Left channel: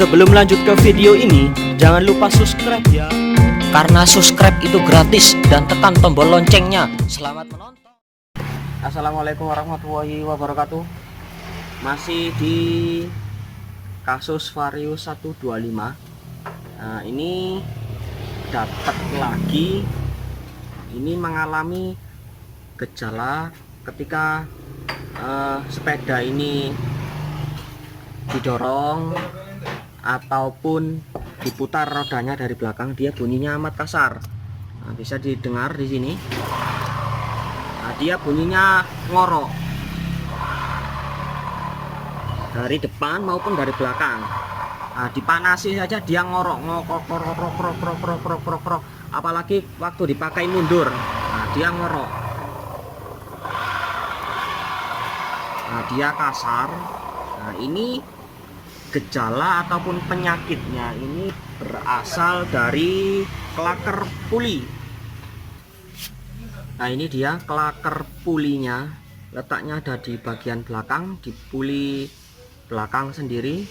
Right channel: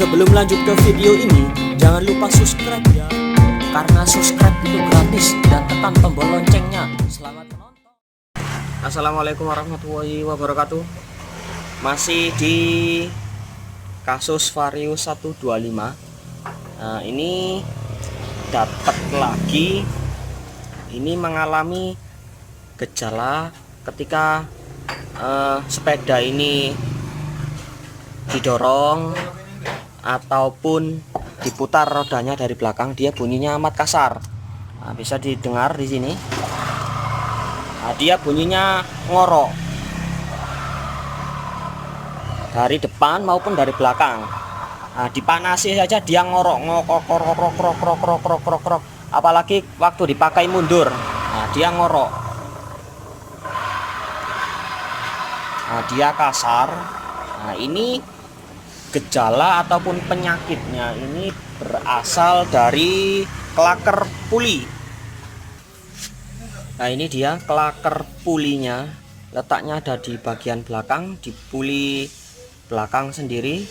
Sebelum lanjut ke video ini, jangan lupa subscribe ya, karena subscribe itu gratis, dan tekan tombol loncengnya. Selamat menonton. Assalamualaikum warahmatullahi wabarakatuh. Masih di kasus Vario 125. Nah, ini dapat lagi, ini mengalami gejala ketika sepeda ini didorong ataupun diputar rodanya dari belakang, dia bunyinya amat kasar. Nah, bisa didengar di sini. Nah, dia bunyinya ngorok dari depan maupun dari belakang. Nah, dipanasi saja dia ngorok, ngorok, apalagi waktu dipakai mundur. Nah, dia ngorok. Nah, dia kasar. Nah, ini gejala ataupun penyakitnya ini berasal dari klaker puli. Nah, ini dia klaker pulinya, letaknya ada di bagian belakang, di puli belakang sendiri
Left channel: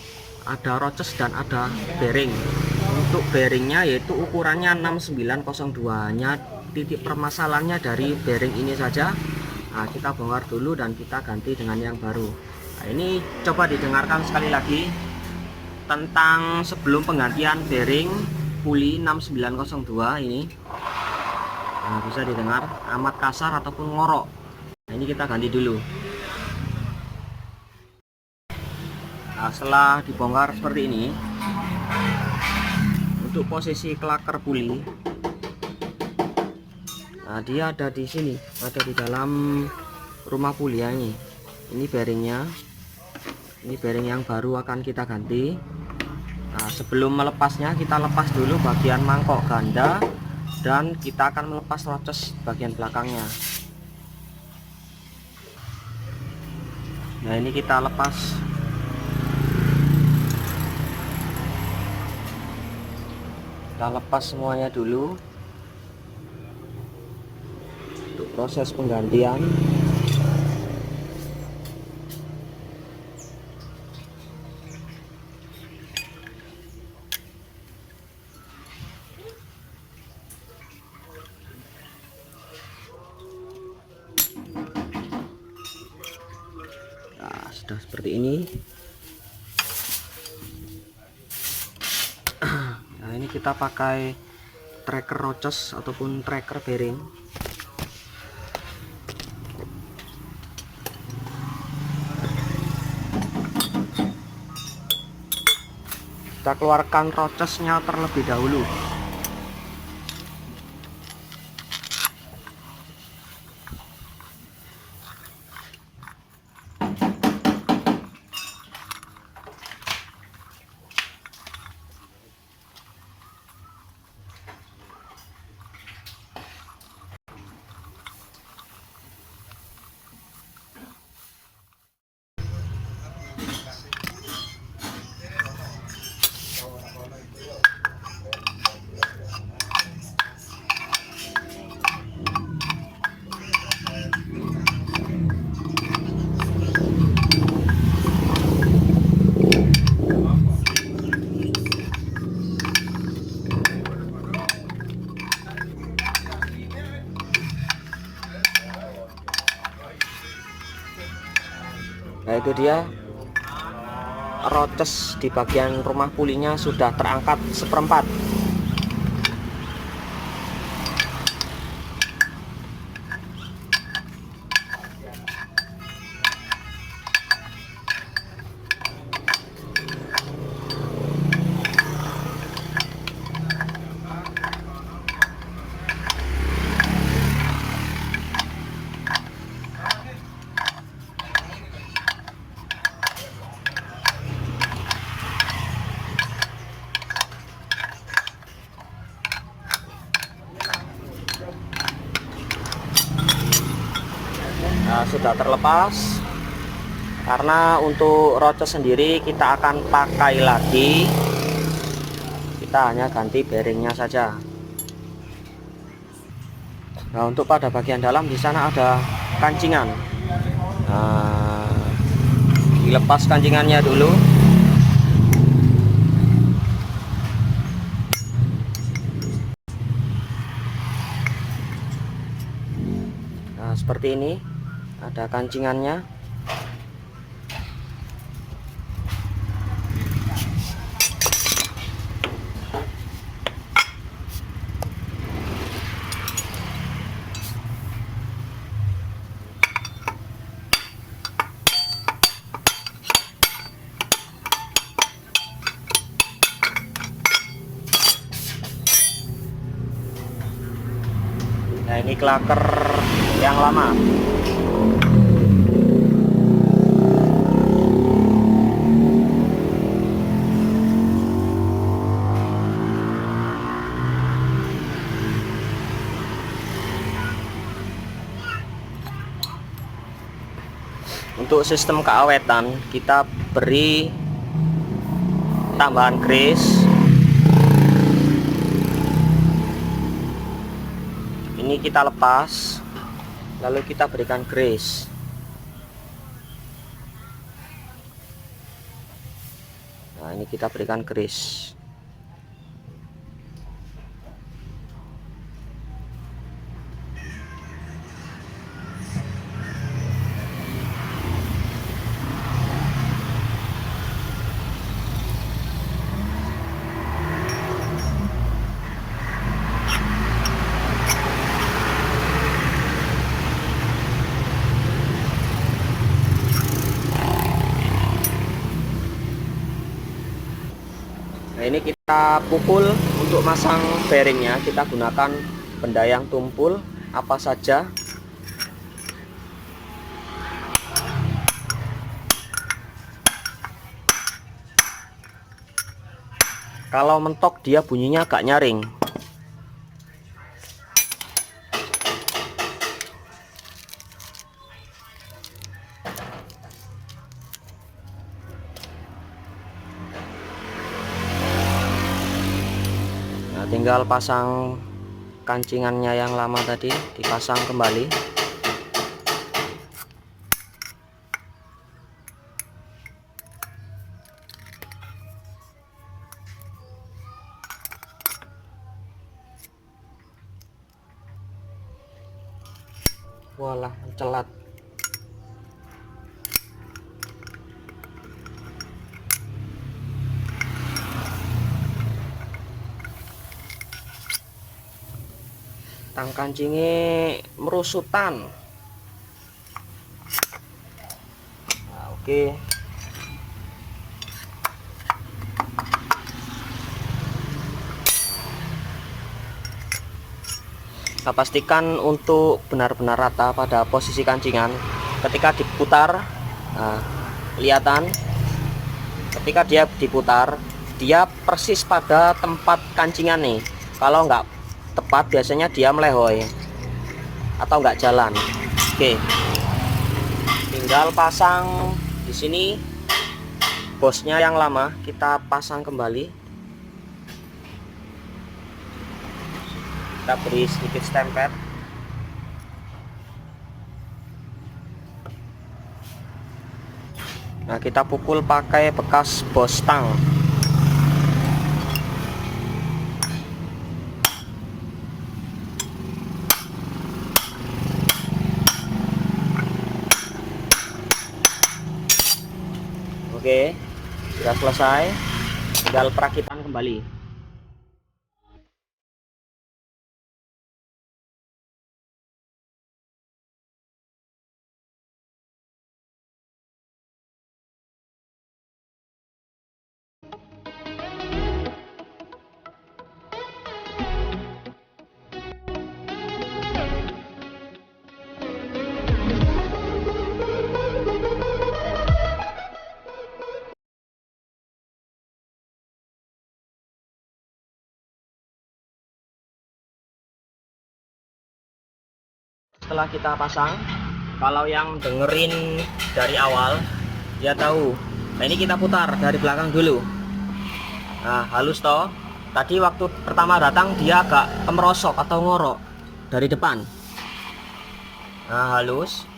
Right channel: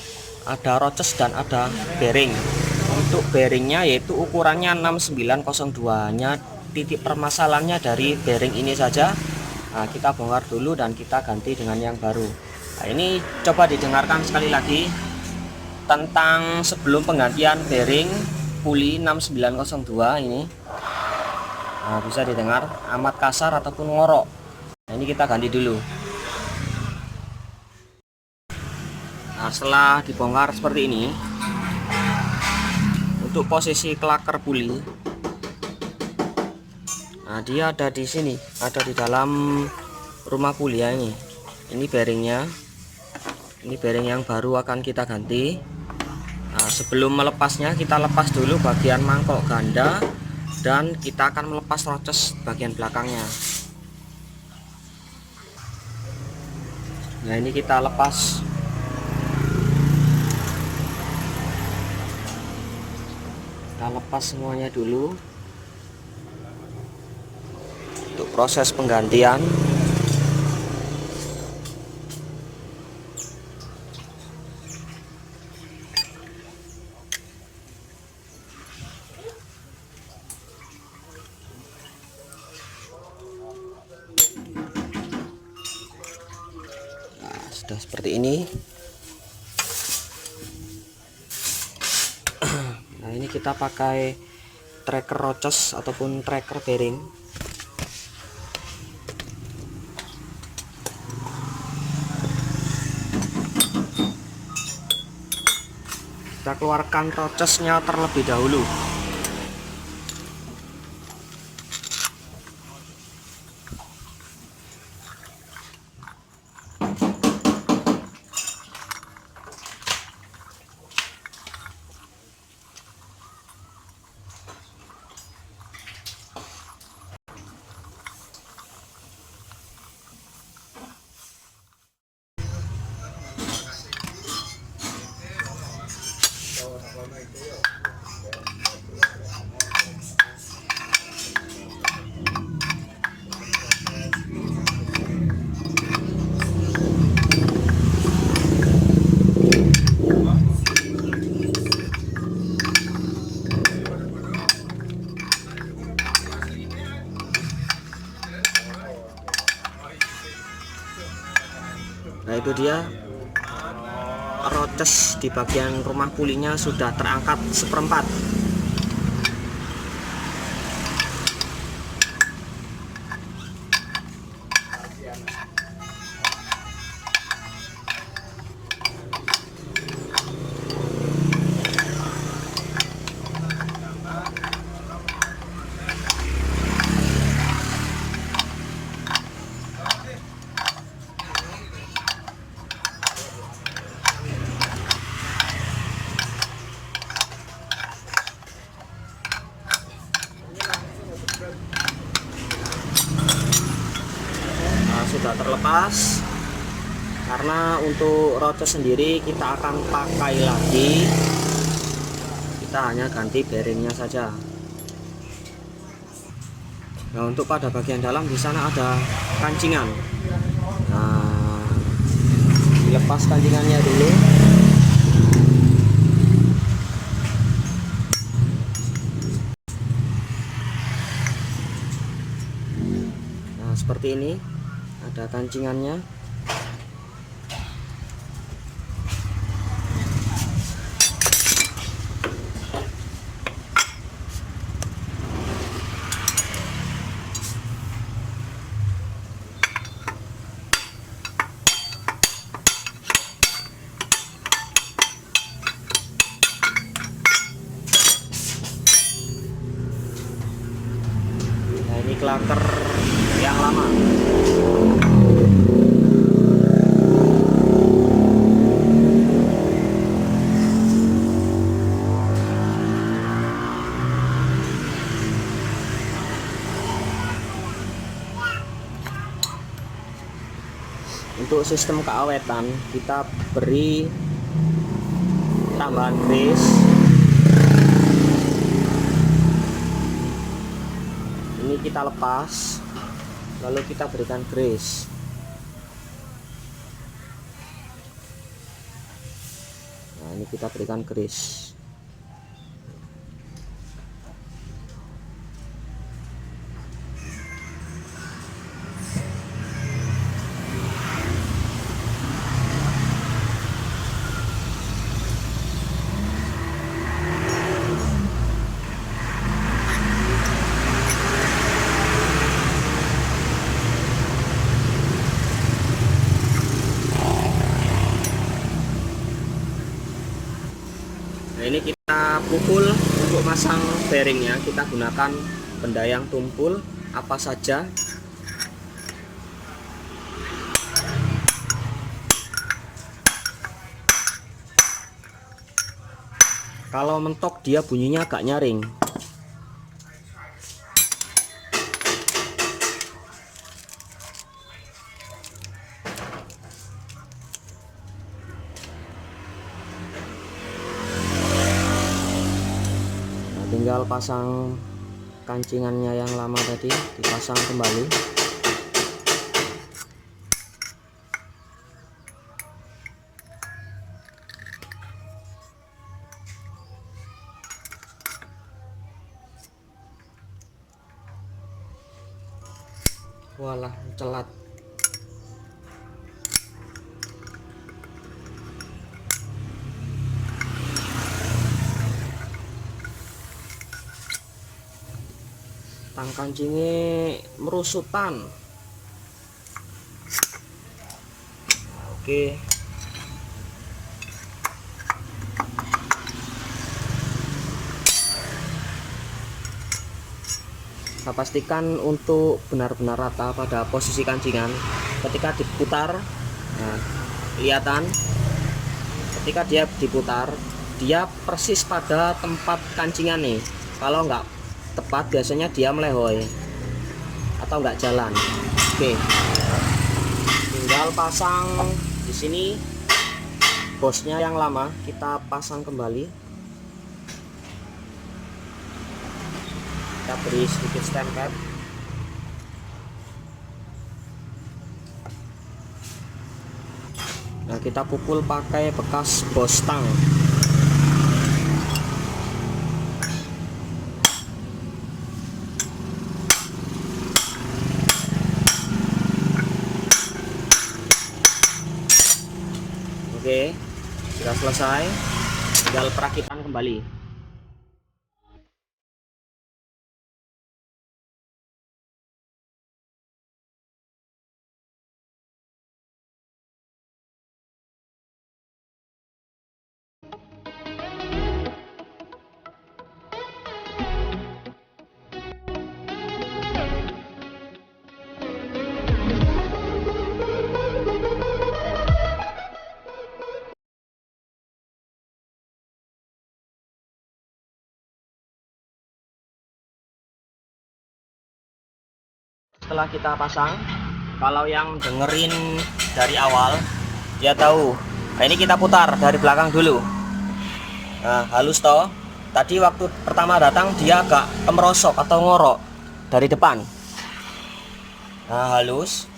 ada roces dan ada bearing. Untuk bearingnya yaitu ukurannya 6902, hanya titik permasalahannya dari bearing ini saja. Nah, kita bongkar dulu dan kita ganti dengan yang baru. Nah, ini coba didengarkan sekali lagi tentang sebelum penggantian bearing puli 6902 ini. Nah, bisa didengar amat kasar ataupun ngorok. Nah, ini kita ganti dulu. Nah, setelah dibongkar seperti ini, untuk posisi klaker puli, nah dia ada di sini, ada di dalam rumah puli ya. Ini bearingnya, ini bearing yang baru akan kita ganti. Nah, sebelum melepasnya kita lepas dulu bagian mangkok ganda dan kita akan melepas roces bagian belakangnya. Nah, ini kita lepas. Kita lepas semuanya dulu untuk proses penggantian. Nah, sudah seperti ini. Nah, ini kita pakai tracker roces ataupun tracker bearing. Kita keluarkan rocesnya terlebih dahulu. Nah, itu dia roces di bagian rumah pulinya sudah terangkat seperempat. Sudah terlepas. Karena untuk roces sendiri kita akan pakai lagi, kita hanya ganti bearingnya saja. Nah, untuk pada bagian dalam di sana ada kancingan. Nah, dilepas kancingannya dulu. seperti ini, ada kancingannya. Nah, ini klaker yang lama. Untuk sistem keawetan kita beri tambahan grease. Ini kita lepas, lalu kita berikan grease. Nah, ini kita berikan grease. Nah, ini kita pukul untuk masang bearingnya. Kita gunakan benda yang tumpul apa saja. Kalau mentok dia bunyinya agak nyaring. Tinggal pasang kancingannya yang lama tadi, dipasang kembali. Walah, celat. Tang kancingnya merusutan. Nah, oke. Kita pastikan untuk benar-benar rata pada posisi kancingan. Ketika diputar, nah, kelihatan ketika dia diputar, dia persis pada tempat kancingan nih. Kalau nggak tepat biasanya dia melehoi atau nggak jalan. Oke, tinggal pasang di sini bosnya yang lama, kita pasang kembali. Kita beri sedikit stempel. Nah, kita pukul pakai bekas bos tang. Oke, sudah selesai, tinggal perakitan kembali. Setelah kita pasang, kalau yang dengerin dari awal dia tahu. Nah, ini kita putar dari belakang dulu. Nah, halus toh. Tadi waktu pertama datang dia agak kemerosok atau ngorok dari depan. Nah, halus.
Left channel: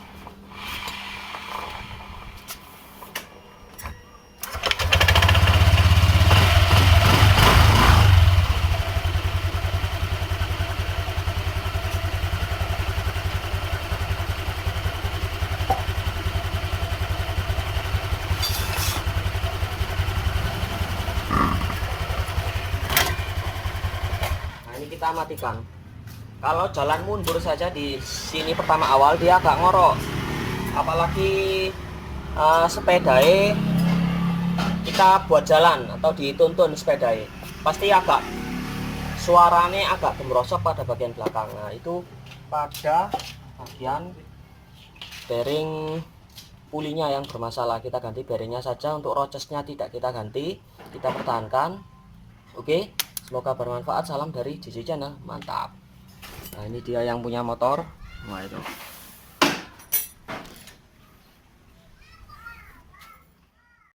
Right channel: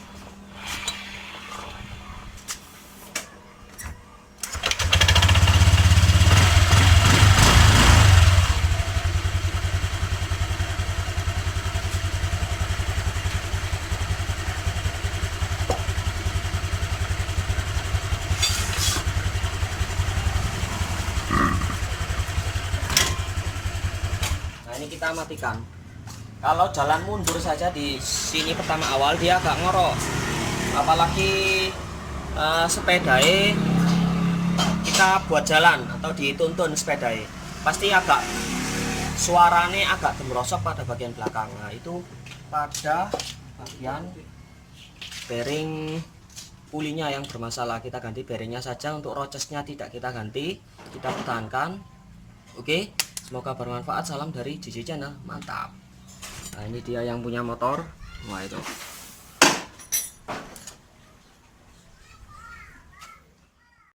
kita matikan. Kalau jalan mundur saja di sini pertama awal dia agak ngorok, apalagi sepedai kita buat jalan atau dituntun sepedai, pasti agak suaranya agak gemrosok pada bagian belakang. Nah itu pada bagian bearing pulinya yang bermasalah, kita ganti bearingnya saja. Untuk rocesnya tidak kita ganti, kita pertahankan. Oke, semoga bermanfaat. Salam dari JJ Channel, mantap. Nah ini dia yang punya motor. Wah itu